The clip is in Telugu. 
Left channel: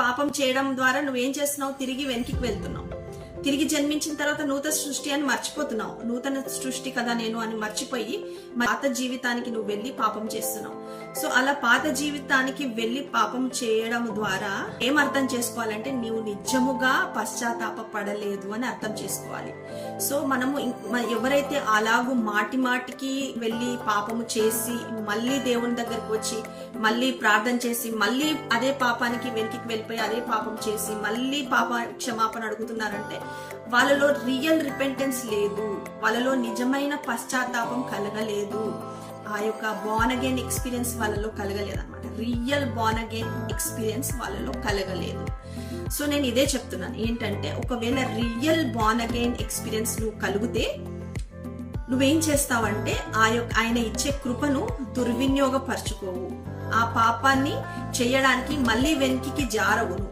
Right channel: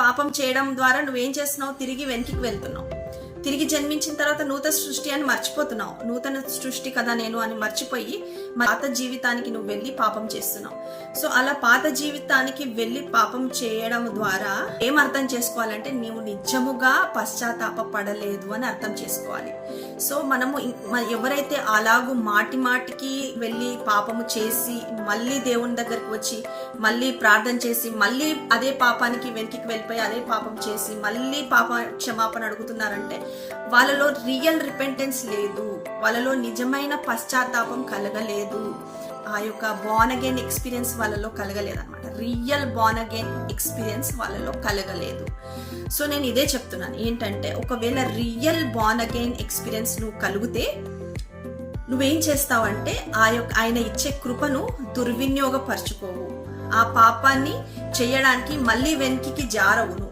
పాపం చేయడం ద్వారా నువ్వేం చేస్తున్నావు? తిరిగి వెనక్కి వెళ్తున్నావు. తిరిగి జన్మించిన తర్వాత నూతన సృష్టి అని మర్చిపోతున్నావు. నూతన సృష్టి కదా నేను అని మర్చిపోయి పాత జీవితానికి నువ్వు వెళ్ళి పాపం చేస్తున్నావు. సో అలా పాత జీవితానికి వెళ్ళి పాపం చేయడం ద్వారా ఏం అర్థం చేసుకోవాలంటే నీవు నిజముగా పశ్చాత్తాప పడలేదు అని అర్థం చేసుకోవాలి. సో మనము ఎవరైతే అలాగూ మాటి మాటికి వెళ్ళి పాపము చేసి మళ్ళీ దేవుని దగ్గరకు వచ్చి మళ్ళీ ప్రార్థన చేసి మళ్ళీ అదే పాపానికి వెనక్కి వెళ్ళిపోయి అదే పాపం చేసి మళ్ళీ పాప క్షమాపణ అడుగుతున్నారంటే వాళ్ళలో రియల్ రిపెంటెన్స్ లేదు. వాళ్ళలో నిజమైన పశ్చాత్తాపం కలగలేదు. ఆ యొక్క బాన్ అగైన్ ఎక్స్పీరియన్స్ వాళ్ళలో కలగలేదు అనమాట రియల్ బాన్ అగైన్ ఎక్స్పీరియన్స్ వాళ్ళలో కలగలేదు. సో నేను ఇదే చెప్తున్నాను. ఏంటంటే ఒకవేళ రియల్ బాన్ అగైన్ ఎక్స్పీరియన్స్ నువ్వు కలిగితే నువ్వేం చేస్తావంటే ఆ యొక్క ఆయన ఇచ్చే కృపను దుర్వినియోగపరచుకోవు. ఆ పాపాన్ని చేయడానికి మళ్ళీ వెనక్కి జారవు